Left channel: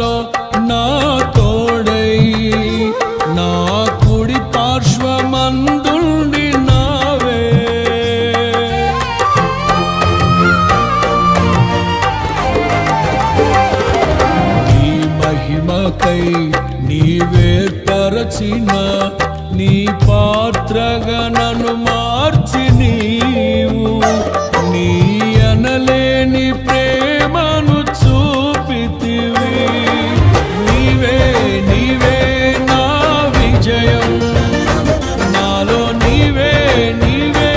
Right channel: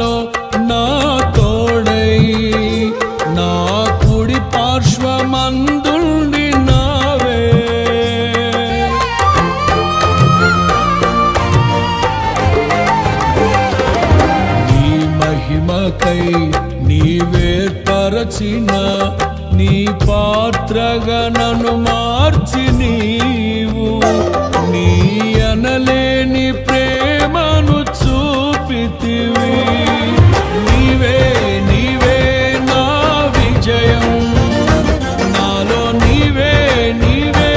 శ్రమలలో నా తోడై నా కుడి పార్శ్వమందుండి నావే. నీ మహిమకై నీవేర్పరచిన నీ పాత్రగా నన్ను మార్చి నీవు నీ అనలేని ప్రేమను చూపితివి. నీవే నీవే నా విజయం, నాలో నీవే నీవే